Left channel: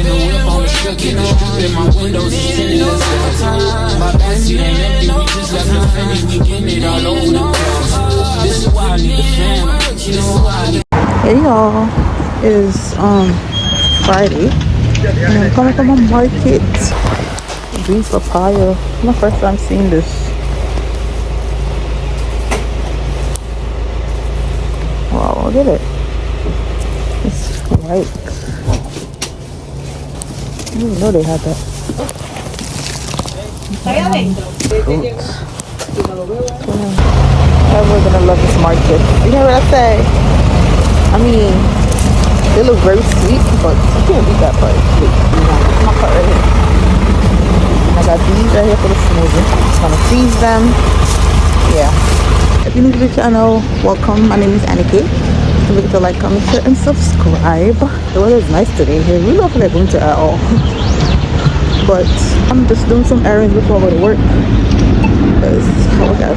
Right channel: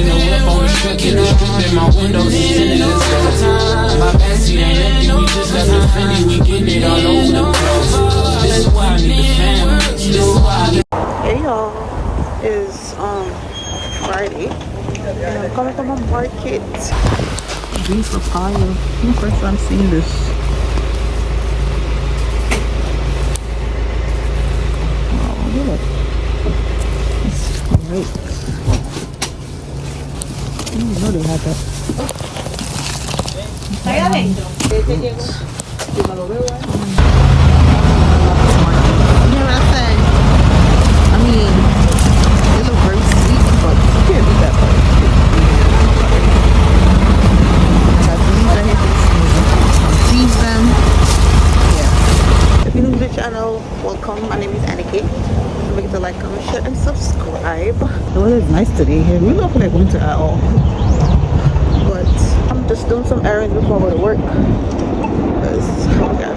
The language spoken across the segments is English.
in the whip on the strip, get the strip in my windows is tinted, let's go. My backseat ain't empty, we just left the Fendi, we getting it all over the place. This is why I need the fam, this is why I need. Hey y'all, it is Friday and I'm coming from a market. Green papaya. It's my first time seeing this. Wow, look at it. It's ripe. I didn't know they had that. I'm gonna love this market. You know what I say? I mean, they look very sweet, but you can't beat that part. I got these right here for the smoothie. I'm just gonna freeze them. Yeah. If you're new to the channel, welcome. My name is Annika. Don't forget to like, comment, share, and subscribe. The weather is nice today. It really don't feel like winter at all. But I'm just doing some errands before I go to work. Because I got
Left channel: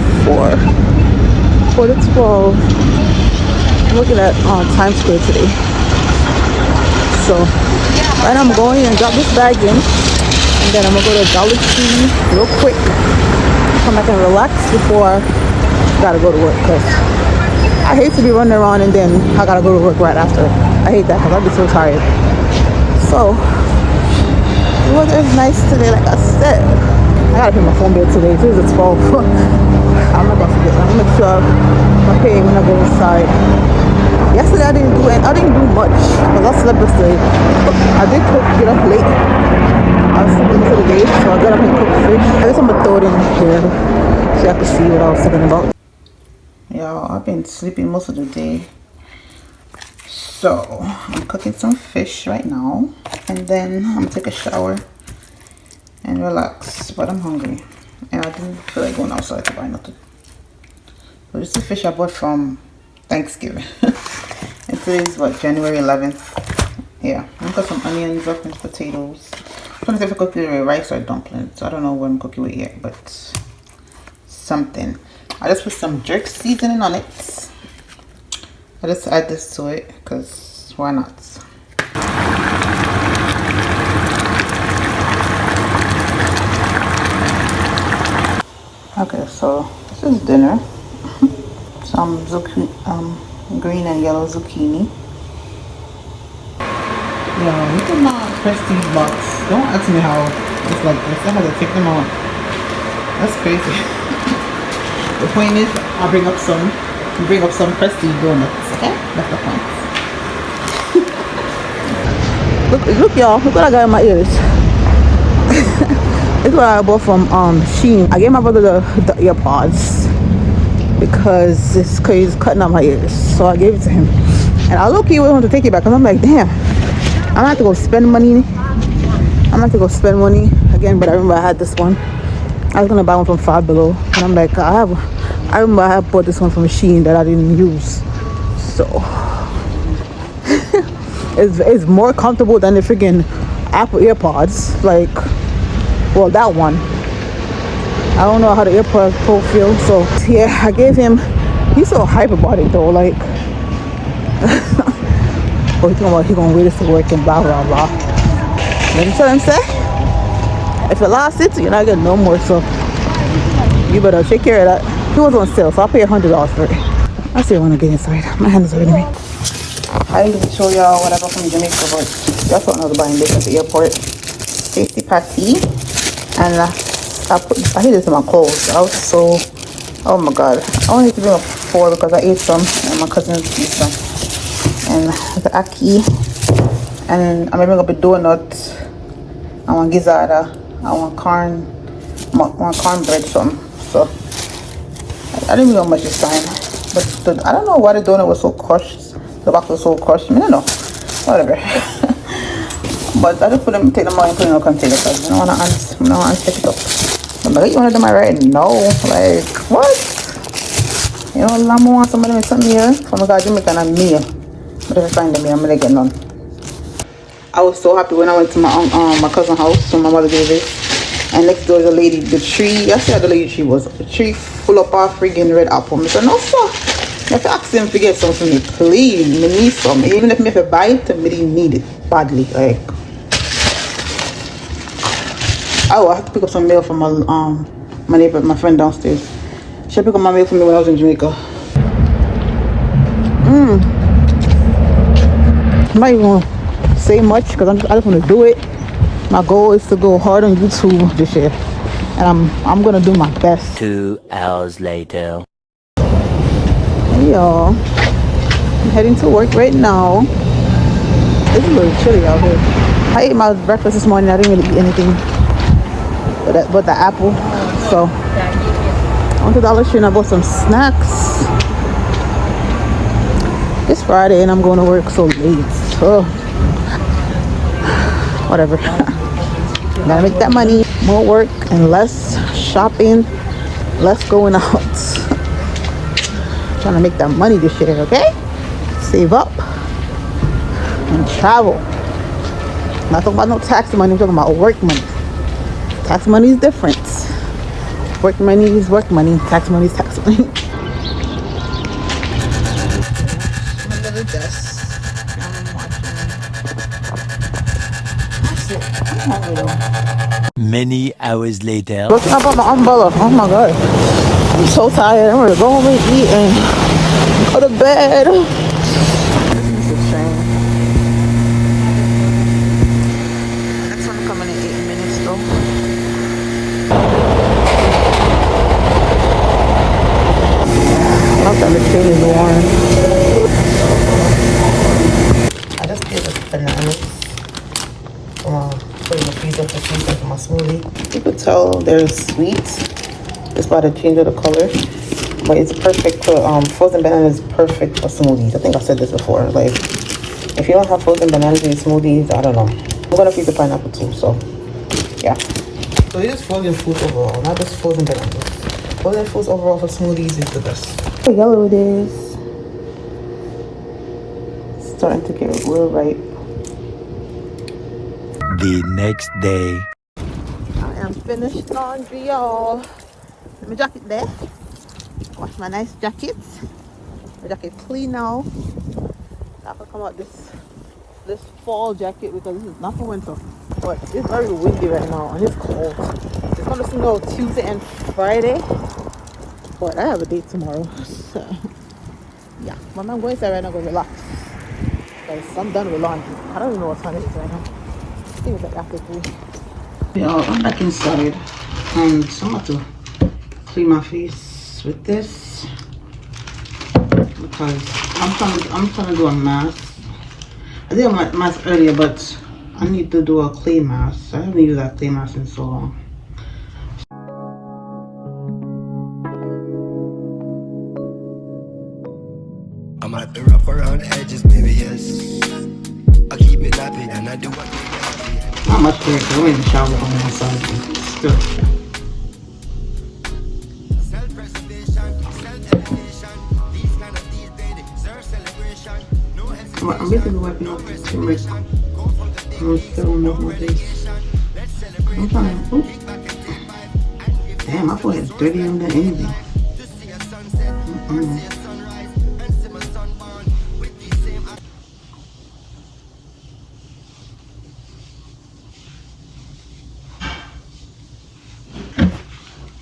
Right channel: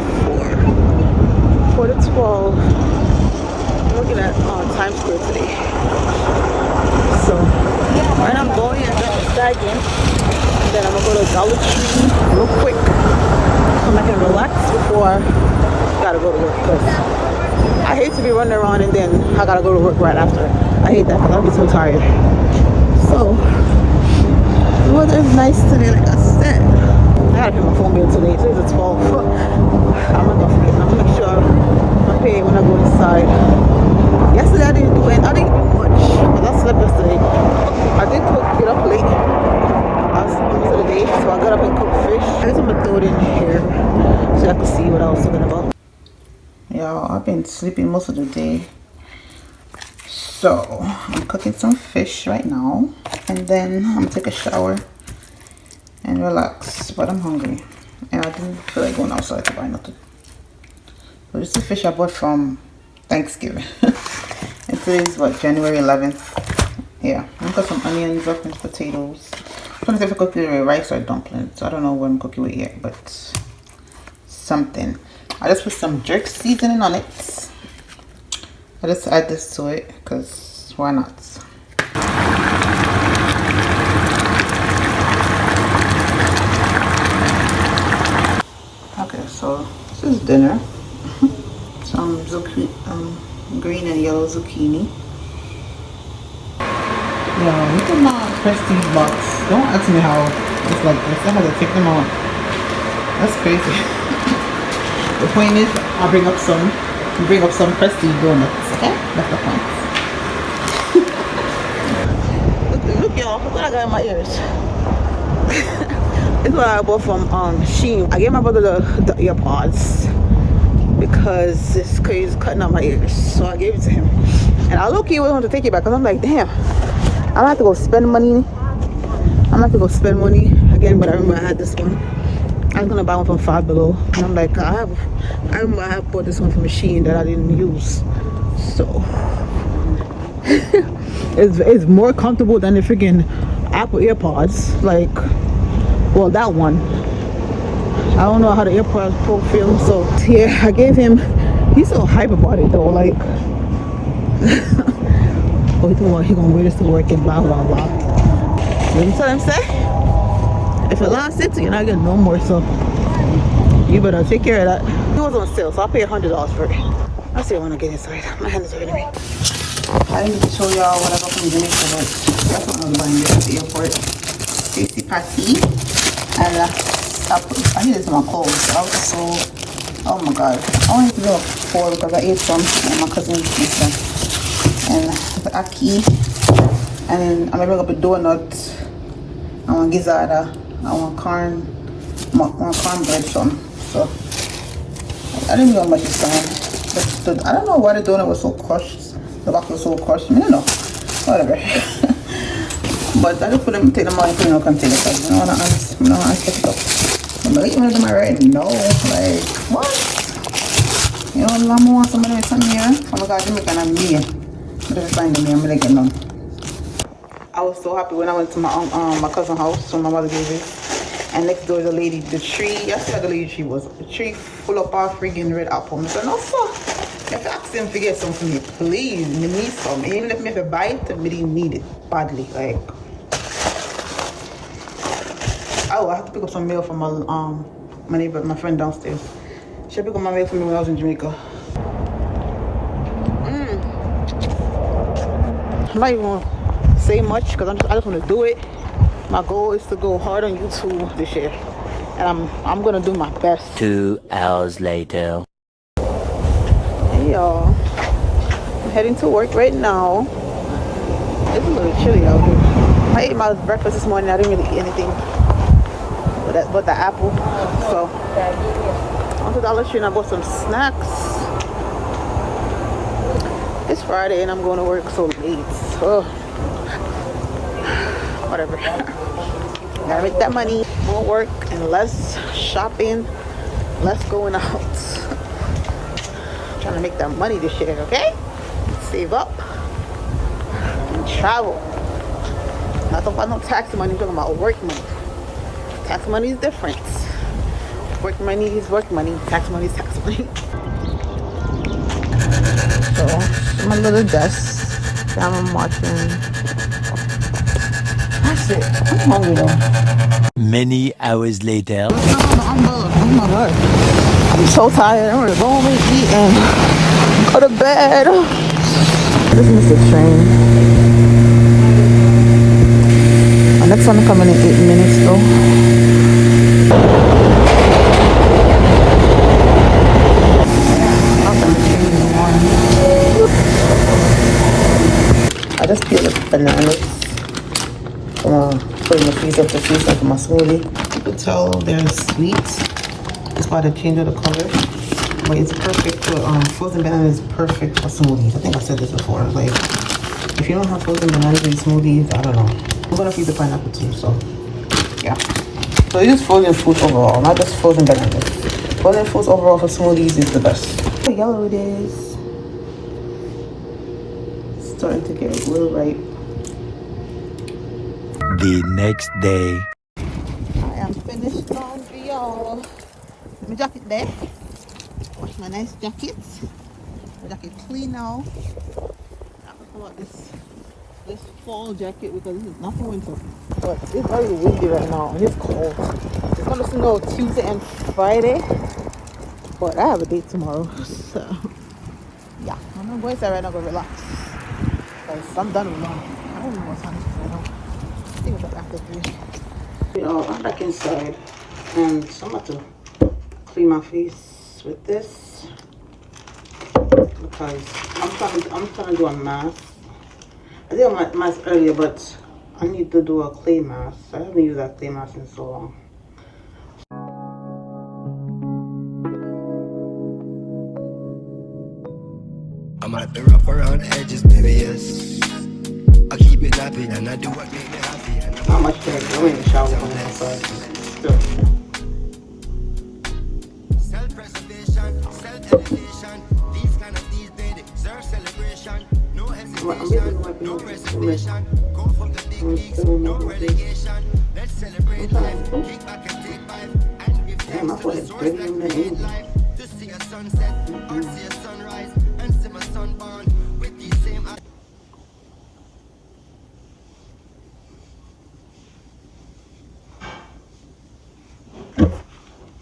4 to 12. I'm looking at Times Square today. So right now I'm going and drop this bag in, and then I'm gonna go to Dollar Tree real quick, come back and relax before I gotta go to work, because I hate to be running around and then I gotta go to work right after. I hate that, I'll be so tired. So the weather is nice today, like I said. I gotta pay my phone bill today. Today's the 12th. I'm not gonna forget. I'm gonna make sure I pay when I go inside. Yesterday I didn't do much because I slept yesterday. I did get up late. I was sleeping most of the day, so I got up and cooked fish. I guess I'm gonna throw it in here so I can see what I was talking about. Y'all, I've been sleeping most of the day, so I'm cooking some fish right now, and then I'm gonna take a shower and relax. But I'm hungry, and I didn't feel like going outside to buy nothing. So this is the fish I bought from Thanksgiving. And today's what, January 11th. Yeah, I'm gonna cut some onions up and potatoes. I'm trying to see if I cook it with rice or dumplings. I don't know what I'm cooking with yet, but something. I just put some jerk seasoning on it. I just add this to it because why not? Okay, so this is dinner. Some green and yellow zucchini. Yeah, look at my prestige box. Don't ask me how it's like this. I had to take them out. That's crazy. The point is, I'll bring up some prestige donuts. Okay, that's the point. look, y'all. Look what I got in my ears. It's what I bought from Shein. I gave my brother the earpods because it's crazy cutting out my ears, so I gave it to him. And I low-key wanted to take it back because I'm like, damn, I'm gonna have to go spend money. Again. But I remember I had this one. I was gonna buy one from Five Below, and I'm like, I remember I had bought this one from Shein that I didn't use, so it's more comfortable than the freaking Apple AirPods. Like, well, that one. I don't know how the AirPods Pro feels, so yeah, I gave him. He's so hype about it though, like. Oh, he's talking about he gonna wait us to work and blah blah blah. Let me tell him, say, if I lost it, you're not getting no more, so you better take care of that. It was on sale, so I'll pay $100 for it. I'll see you when I get inside. My hand is hurting me. I didn't show y'all what I got from Jamaica, but that's what I was buying this at the airport. Safety patty, and I hid this in my clothes. I was so, oh my god. I only need to bring up 4 because I ate some and my cousin's pizza. And the ackee, and I'm gonna bring up a donut. I want gizzards. I want cornbread something. So I didn't know much this time, but I don't know why the donut was so crushed. The box was so crushed. I don't know. Whatever. But I just take them out and put in a container because I don't want to unstick it up. I'm like, you want them right now? Like, what? You know, I want somebody with something here. So I'm going to Jamaica and me. But if I find them here, I'm going to get none. I was so happy when I went to my cousin's house, so my mother gave it. And next door is a lady, the tree, I see how the lady tree was. A tree full of our friggin' red apple. I said, no sir, you have to ask them to get something for me, please. Me need some. Even if me have to buy it, me didn't need it badly. Like, Oh, I have to pick up some mail from my neighbor, my friend downstairs. She picked up my mail for me when I was in Jamaica. I'm not even gonna say much because I just want to do it. My goal is to go hard on YouTube this year, and I'm gonna do my best. 2 hours later. Hey y'all, I'm heading to work right now. It's a little chilly out here. I ate my breakfast this morning. I didn't really eat anything but the apple. So I went to Dollar Tree and I bought some snacks. It's Friday and I'm going to work so late. So whatever. Gotta make that money. More work and less shopping, less going out. Trying to make that money this year, okay? Save up and travel. Not talking about no tax money, I'm talking about work money. Tax money is different. Work money is work money. Tax money is tax money. So, my little desk. Now I'm watching. That's it. I'm hungry though. Many hours later. What's up on the umbrella? Oh my god. I'm so tired. I'm ready to go home and eat and go to bed. Our next one coming in 8 minutes though. I just peeled the bananas. Put in the freezer for freeze into my smoothie. You could tell they're sweet. It's about to change of the color, but it's perfect for frozen bananas. Perfect for smoothies. I think I said this before. Like, if you don't have frozen bananas in your smoothies, I don't know. I'm gonna freeze the pineapple too. So, yeah. So it's just frozen fruits overall, not just frozen bananas. Frozen fruits overall for smoothies is the best. How yellow it is. Starting to get a little ripe. The next day. I am finished laundry, y'all. My jacket there. Wash my nice jacket. My jacket clean now. I have to come out this fall jacket because this is not for winter. But it's very windy right now and it's cold. It's gonna snow Tuesday and Friday. But I have a date tomorrow. So yeah. When I'm going to right now, I'm gonna relax. Because I'm done with laundry. I don't even know what time it is right now. I think it's like after 3. Y'all, I'm back inside and I'm about to clean my face with this because I'm trying to do a mask. I did a mask earlier, but I need to do a clay mask. I haven't used that clay mask in so long. I'm out the rip around edges, baby, yes. I keep it nappy and I do it. Not much cleaner because we're in the shower from the outside. Still. I'm basically wiping off the turmeric. I'm still moving my face. I'm trying to. Oops. Damn, my forehead's dirty on that anything.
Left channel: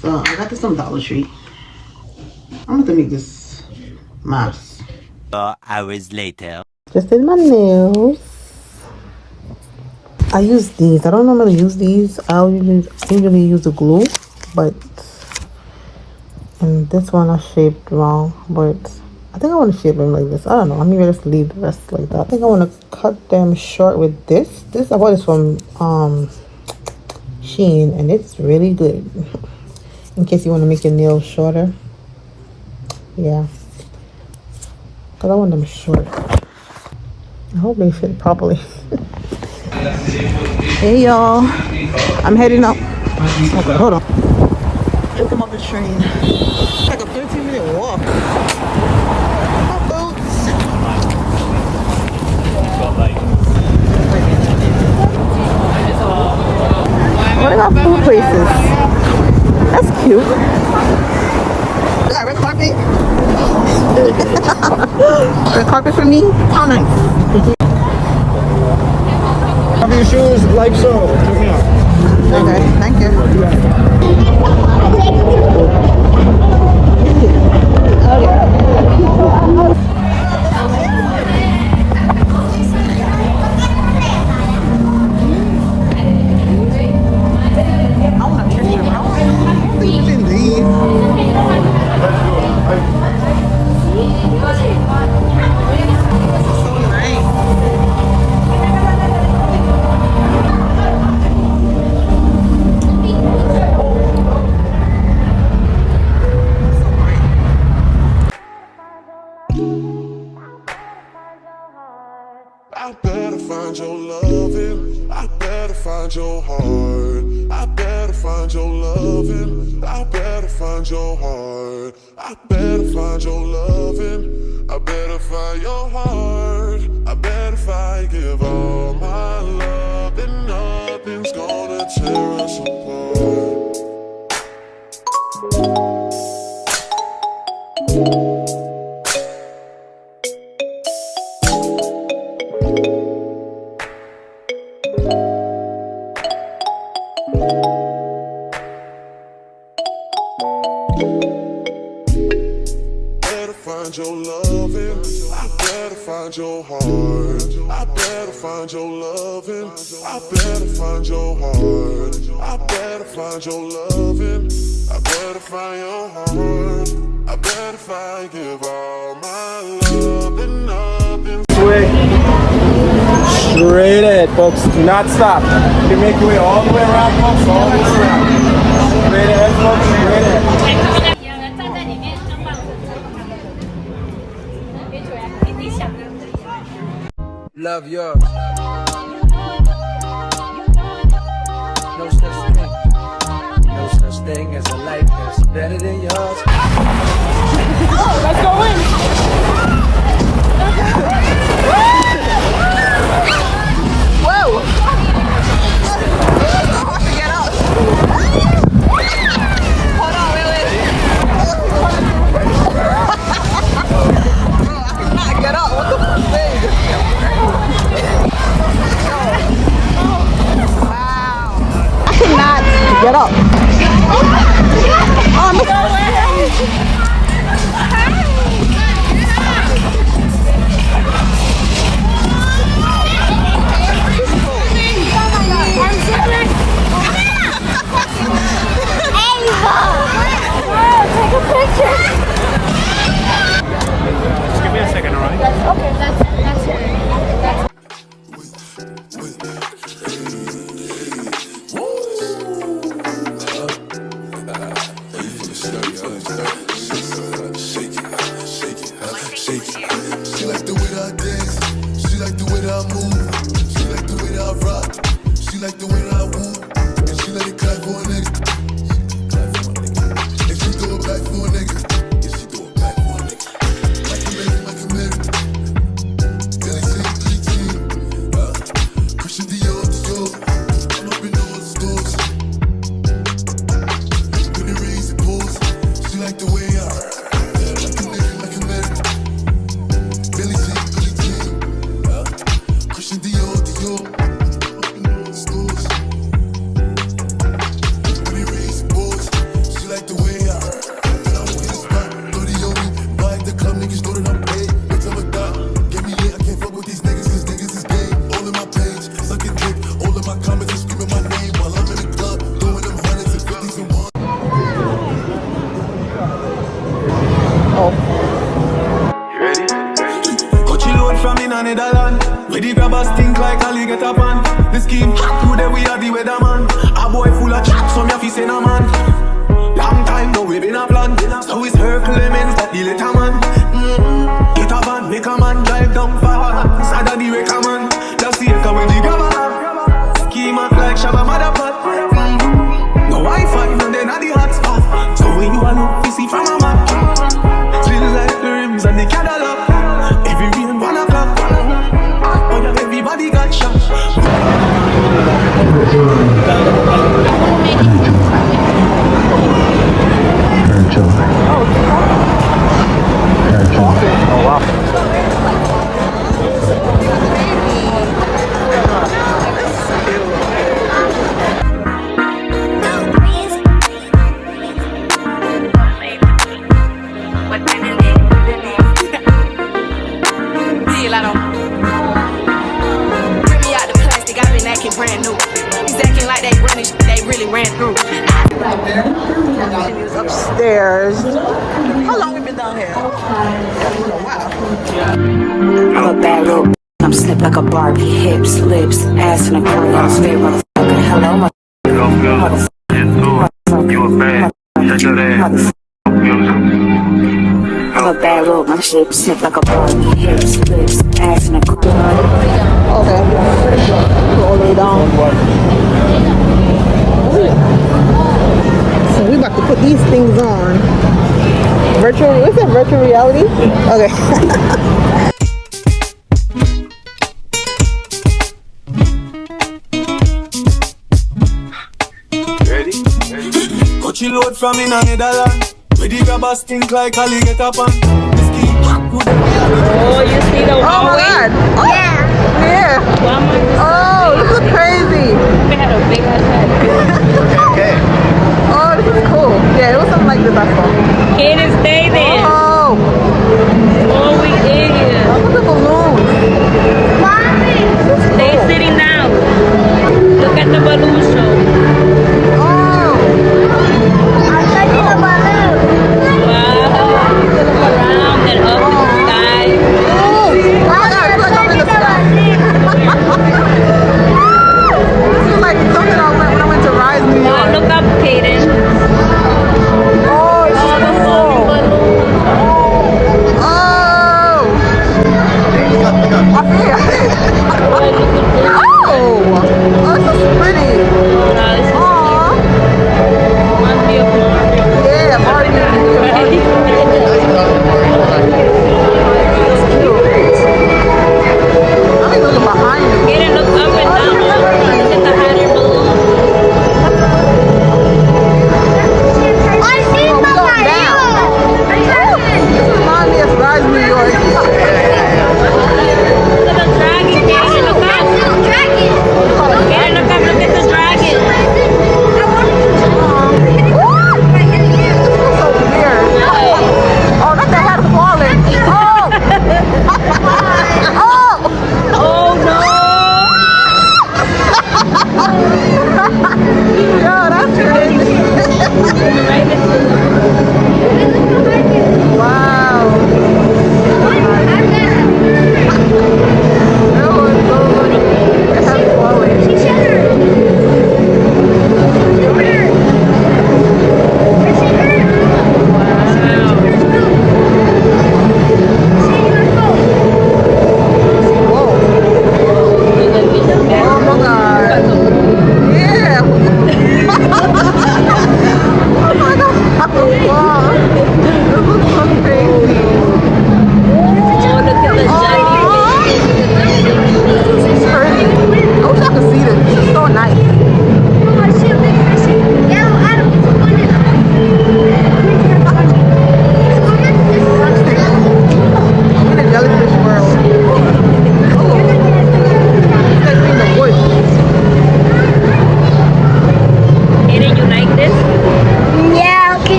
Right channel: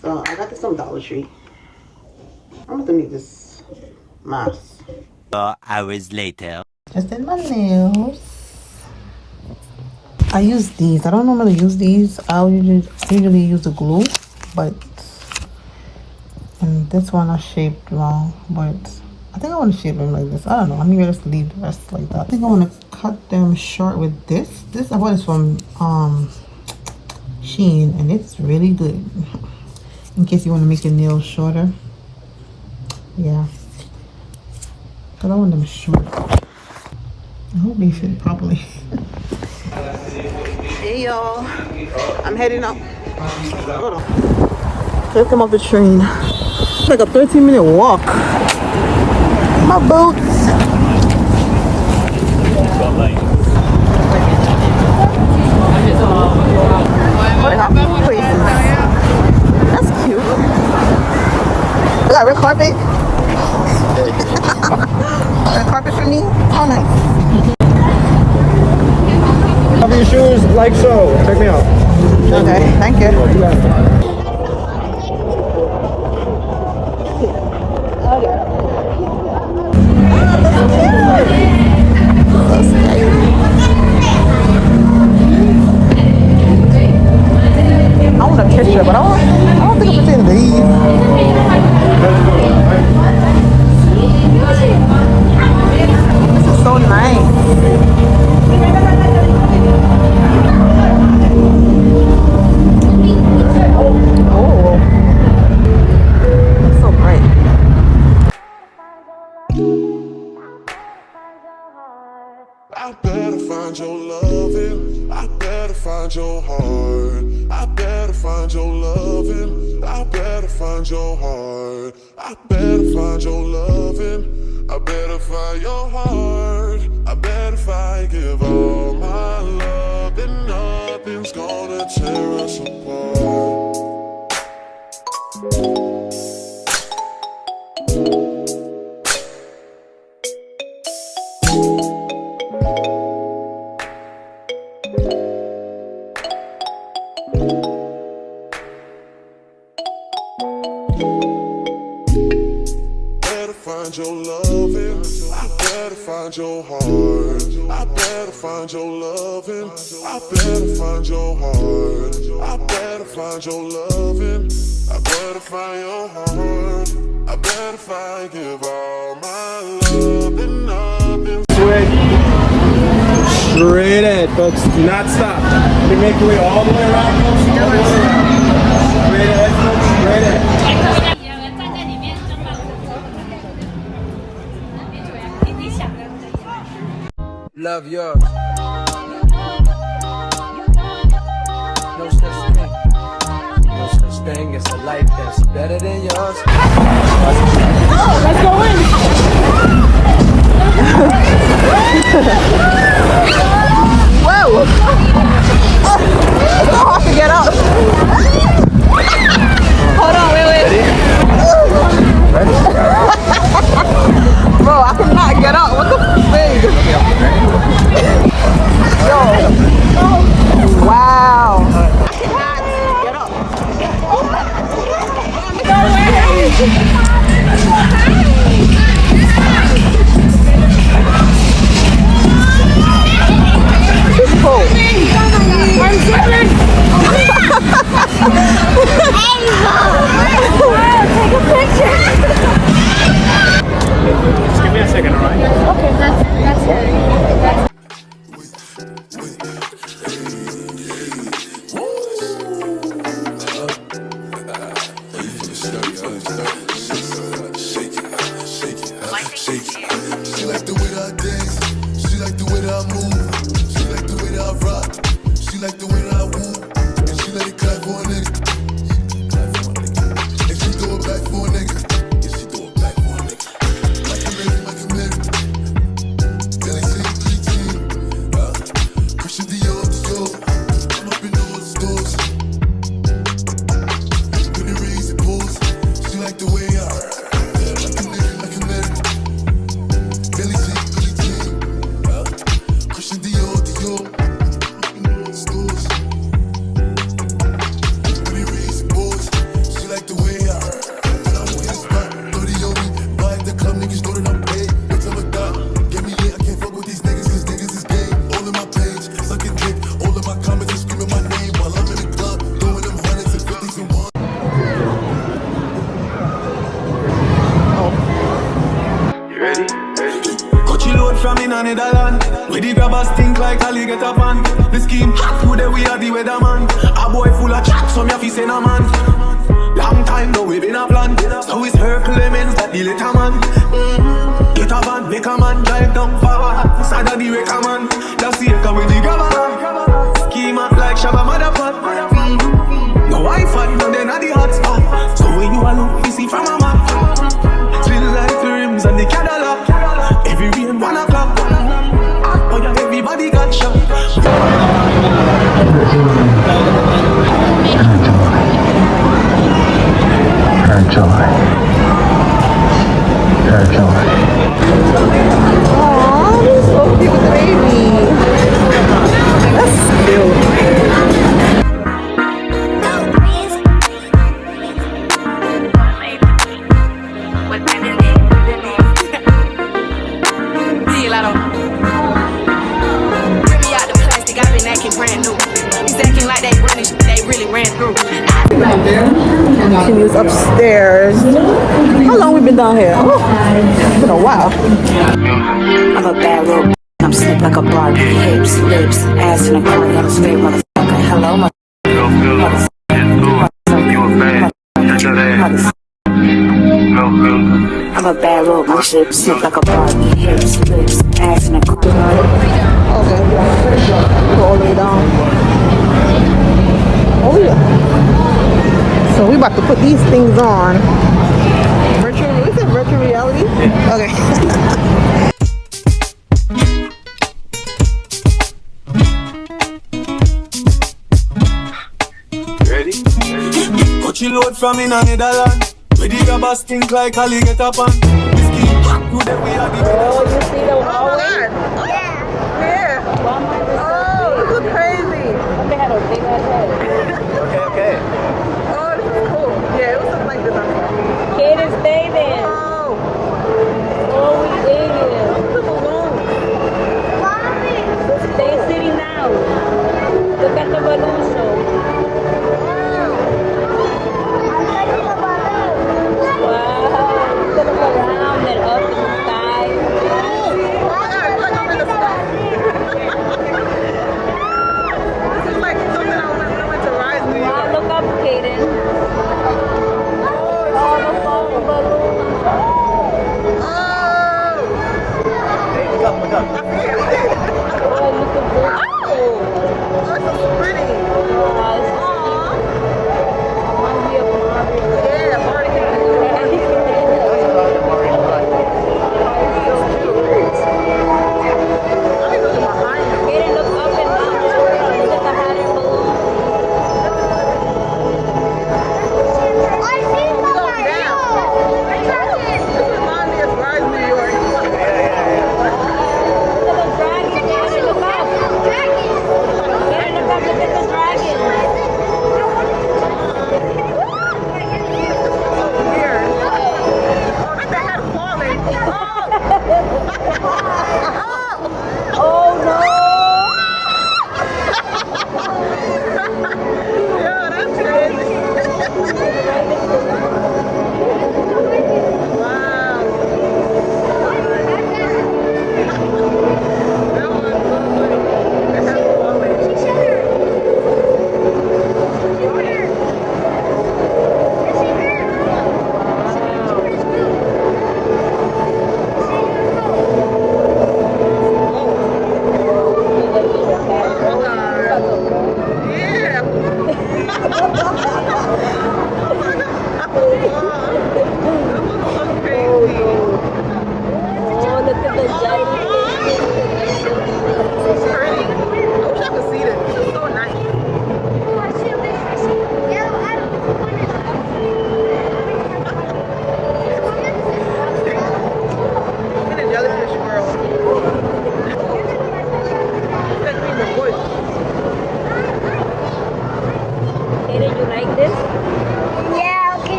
So I got this from Dollar Tree. I'm gonna make this mask. 4 hours later. Just did my nails. I use these. I don't normally use these. I usually use the glue, but this one I shaped wrong. But I think I want to shape them like this. I don't know. Maybe just leave the rest like that. I think I want to cut them short with this. This I bought this from Shein, and it's really good. In case you want to make your nails shorter. Yeah. Because I want them short. I hope they fit properly. Hey y'all. I'm heading up. Okay, hold on. Let's come off the train. It's like a 13-minute walk. My boots. That's cute. You got red carpet? Red carpet for me? How nice. Cover your shoes like so. Check me out. Okay, thank you. I want a picture, but I don't think it's in these. This is so nice. So bright. I better find your loving. I better find your heart. I better find your loving. I better find your heart. I better find your loving. I better find your heart. I bet if I give all my love, then nothing's gonna tear us apart. Find your loving, I better find your heart. I better find your loving, I better find your heart. I better find your loving, I better find your heart. I better if I give all my love, then nothing. Straight ahead, folks. Do not stop. You can make your way all the way around, folks. All the way around. Straight ahead, folks. Straight ahead. Love yours. No such thing. No such thing as a life that's better than yours. Let's go in. Whoa! It's so hard to get up. Hold on, wait. Bro, I cannot get up. What the thing? Yo. Wow. I cannot get up. Oh, I'm Just give me a second, all right? Okay, that's it. She like the way that I dance. She like the way that I move. She like the way that I rock. She like the way that I woo. And she let it clap for a nigga. And she throw it back for a nigga. Yeah, she throw it back for a nigga. Like a Mary. Billy Jean, Christian Dior. I'm up in all the stores. When it rains, it pours. She like the way I like a Mary. Billy Jean, Christian Dior. Up in all the stores. When it rains, it pours. She like the way I when I'm on his spot, 30 on me. Buy at the club, niggas know that I'm paid. Bitch, I'm a dog. Get me lit, I can't fuck with these niggas, cause niggas is gay. All in my page, sucking dick. All of my comments are screaming my name while I'm in the club, throwing them hundreds and fifties and one. Coachy load from in Netherlands. Where the grabbers think like Ali get up on. The scheme hot through there, we are the weatherman. A boy full of chat, some ya fi say no man. Long time now we been a plan. So it's her Clemens that the little man. Get a van, make a man drive down far. Sada the wrecker man. That's the echo with the grabber. Schema like Shabba Motherpot. No Wi-Fi, no then at the hotspot. So when you a look, you see from a map. Little like the rims and the Cadillac. Every rain 1 o'clock. Oh yeah, everybody got shot. Aw, so cute, baby. That's looking brand new. He's acting like they running, they really ran through. Continues upstairs. How long we been down here? Oh, it's been a while. I'm a bad little. I'm slick like a Barbie. Hips, lips, ass in a car. I'm straight motherfucker. Hello, motherfucker. I'm a bad little. My shit slick like a Barbie. Hips, lips, ass in a car. Okay. Go all the way down. Oh yeah. So we about to put these things on. Virtual, what's that, virtual reality? Okay. Ready? Coachy load from in a Netherlands. Where the grabbers think like Ali get up on. This key, who they we are the Oh my god. Oh yeah. Oh, this is crazy. Oh, this is cool. Yeah, it was something like this before. Can't stay there. Oh. Oh, we in here. Look at the balloons. Stay sitting down. Look at the balloon show. Oh. Wow. Around and up in the sky.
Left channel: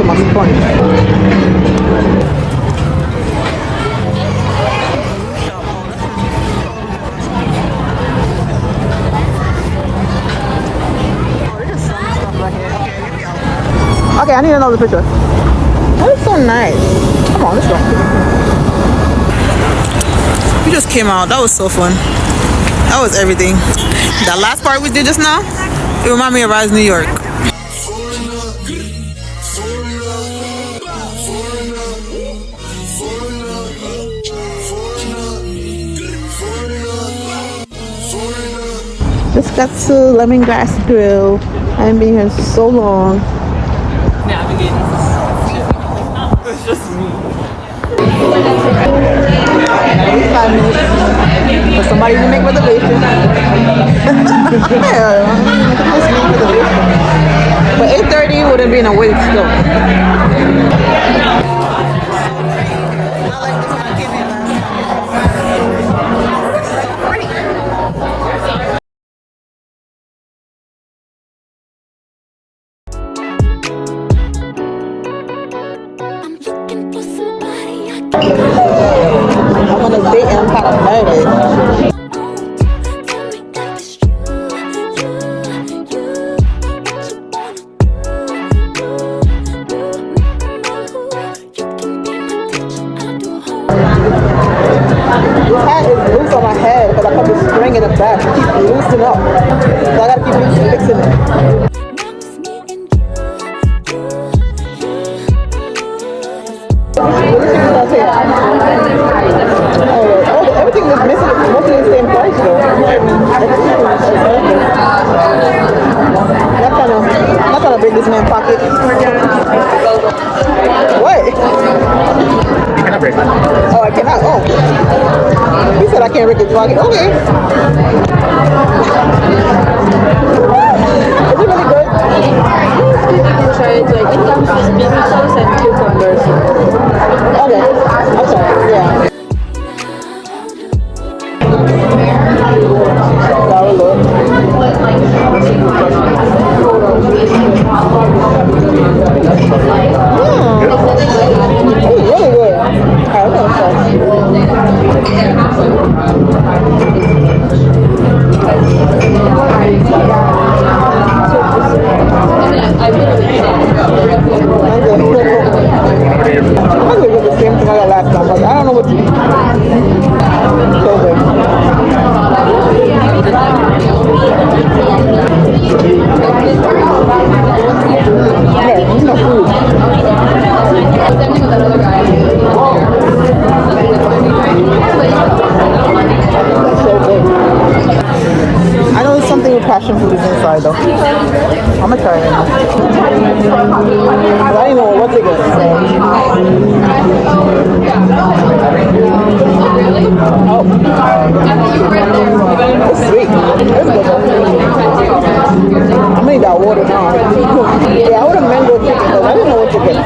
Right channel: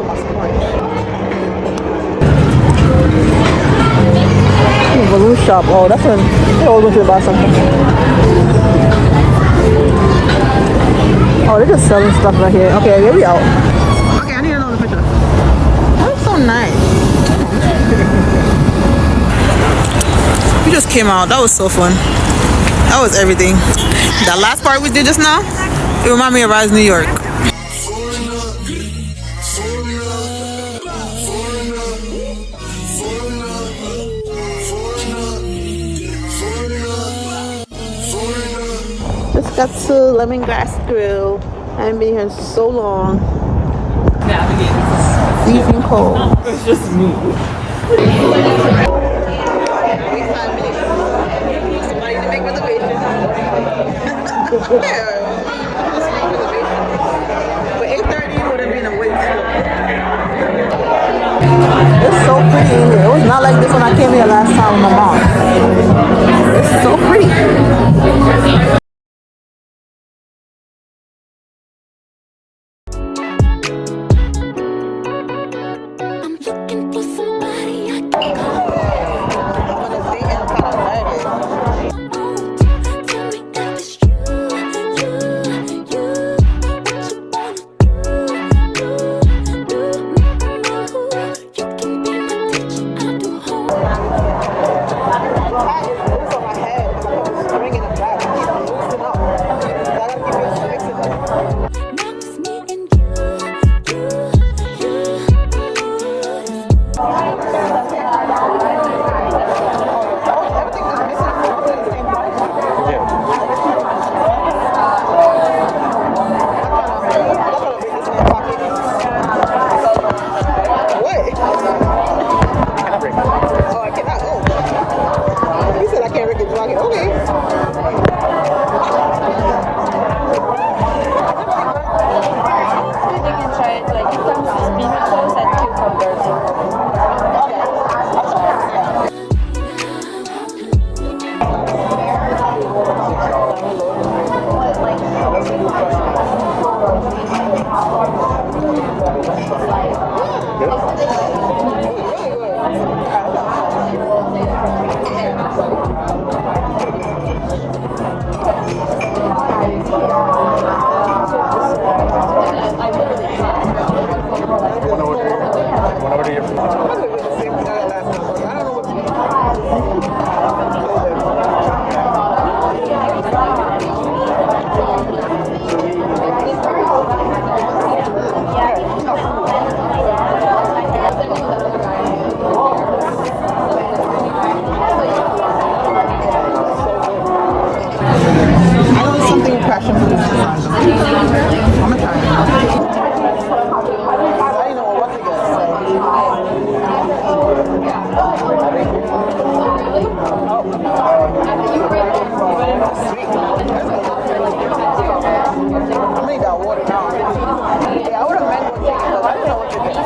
to my sponge. Balloon shop. Oh, that's when they all going to buy something. Oh, they're just selling stuff right here. Okay, here we are. Okay, I need another picture. That is so nice. Come on, let's go. We just came out. That was so fun. That was everything. That last part we did just now, it reminded me of Rise New York. Just got to Lemongrass Grill. I haven't been here so long. Freezing cold. It's just me. 5 minutes for somebody to make reservations. Yeah, just make reservations. But 8:30 wouldn't be in a wait still. It's so pretty in here. It was not like this when I came here last time with my mom. It's so pretty. I'm on a date and I'm kind of nervous. This hat is loose on my head because I put the string in the back. It keeps loosening up. So I gotta keep fixing it. Everything is missing is mostly the same price though. I'm not trying to break this man's pocket. What? Oh, I cannot. Oh. He said I can't break his pocket. Okay. Is it really good? You can try it, like it comes with baby sauce and cucumbers. Okay. I'm sorry. Yeah. Sour look. Really good. Alright, I'm gonna try. The same thing I got last time. Like, I don't know what to do. So good. I know it's something with passion fruit is inside though. I'm gonna try it. I didn't know what they get. Oh. It's sweet. It's good though. I made that water now. Yeah, I would have mango chicken because I didn't know what to get.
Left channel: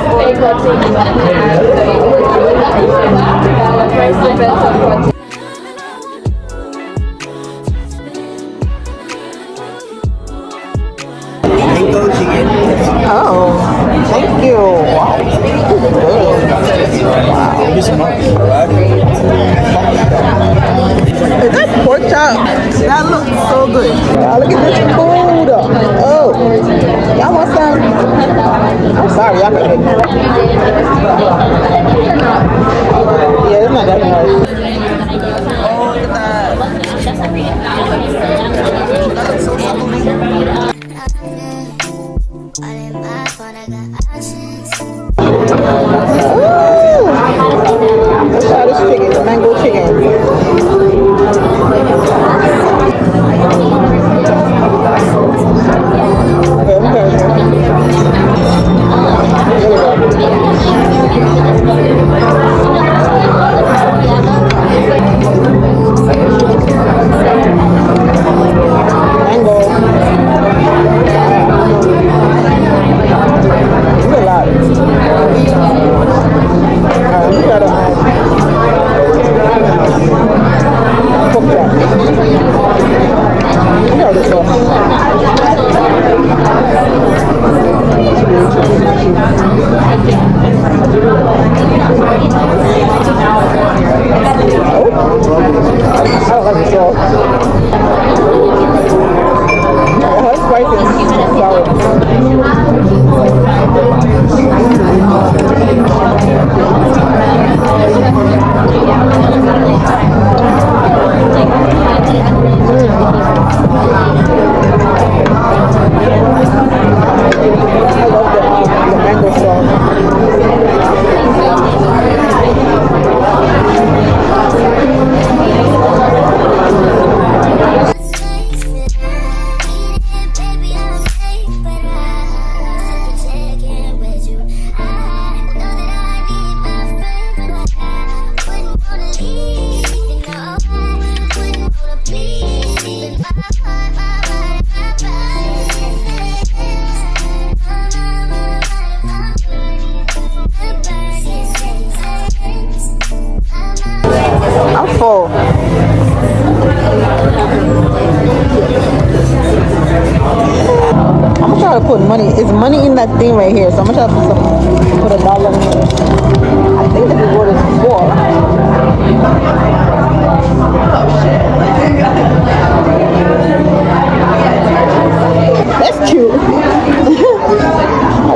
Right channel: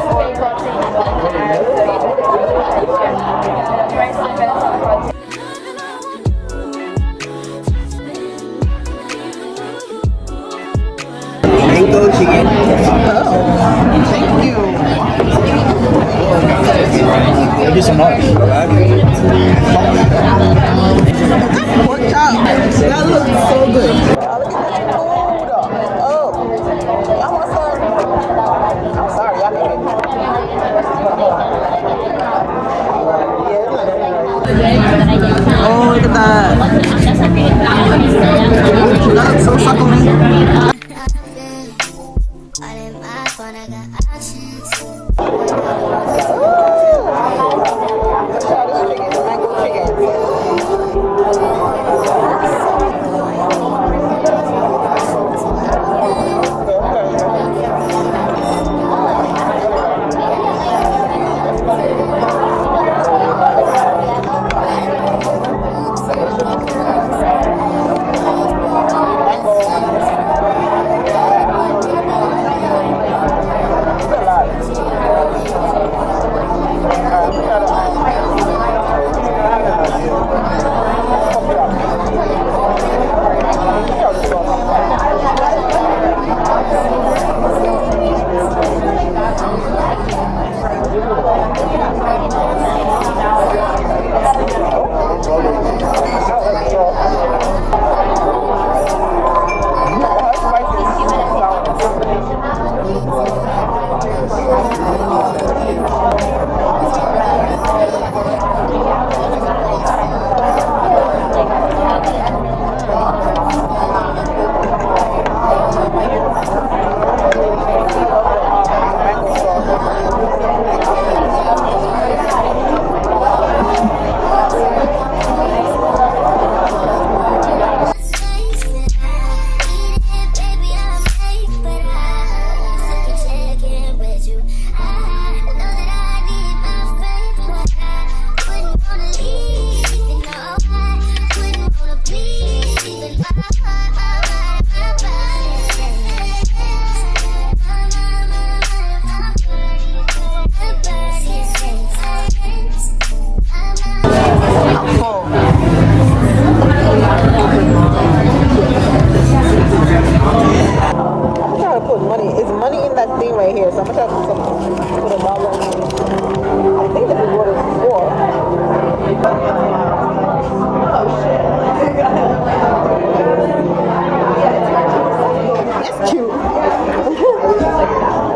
Mango chicken. Oh, thank you. That pork chop, that looks so good. Now look at this food. Oh, y'all want some? I'm sorry, y'all can get it. Yeah, it's not that hard. Oh, look at that. That looks so suckling. Let's try this chicken, the mango chicken. Mango.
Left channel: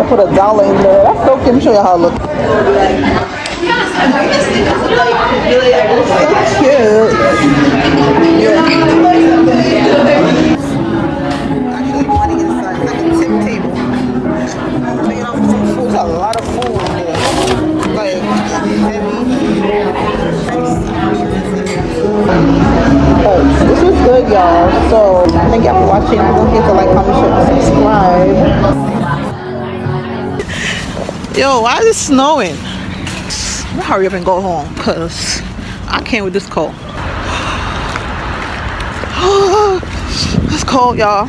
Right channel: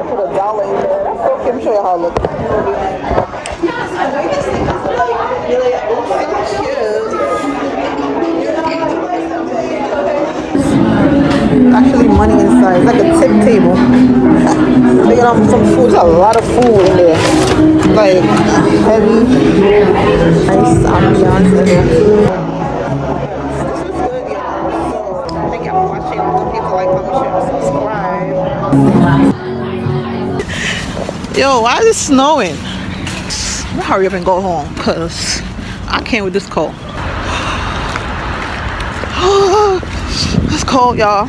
Put $1 in there. That's so cute. Let me show you how it looks. So cute. Actually, money inside. It's like a tip table. They get on some food. There's a lot of food in there. Like heavy, nice ambiance in there. This was good, y'all. So thank y'all for watching. Don't forget to like, comment, share, and subscribe. Yo, why is it snowing? I'm gonna hurry up and go home because I can't with this cold. It's cold, y'all.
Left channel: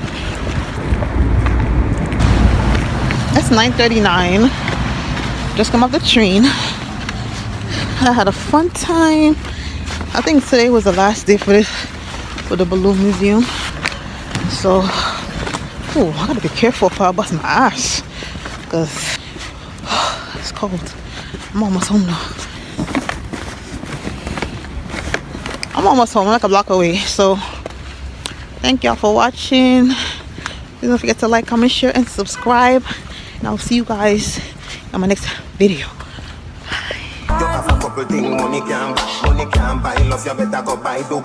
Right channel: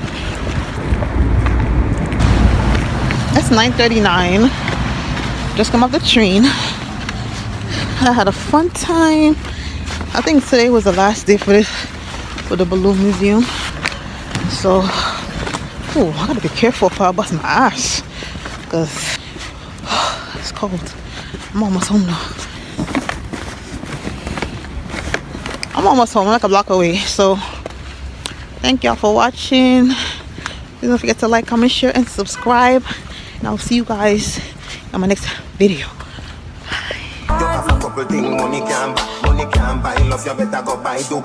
It's 9:39. Just come off the train. I had a fun time. I think today was the last day for the balloon museum. So, oh, I gotta be careful if I bust my ass because it's cold. I'm almost home now. I'm almost home. I'm like a block away. So, thank y'all for watching. Please don't forget to like, comment, share, and subscribe. And I'll see you guys in my next video. You have a couple things money can buy, love you better go buy do.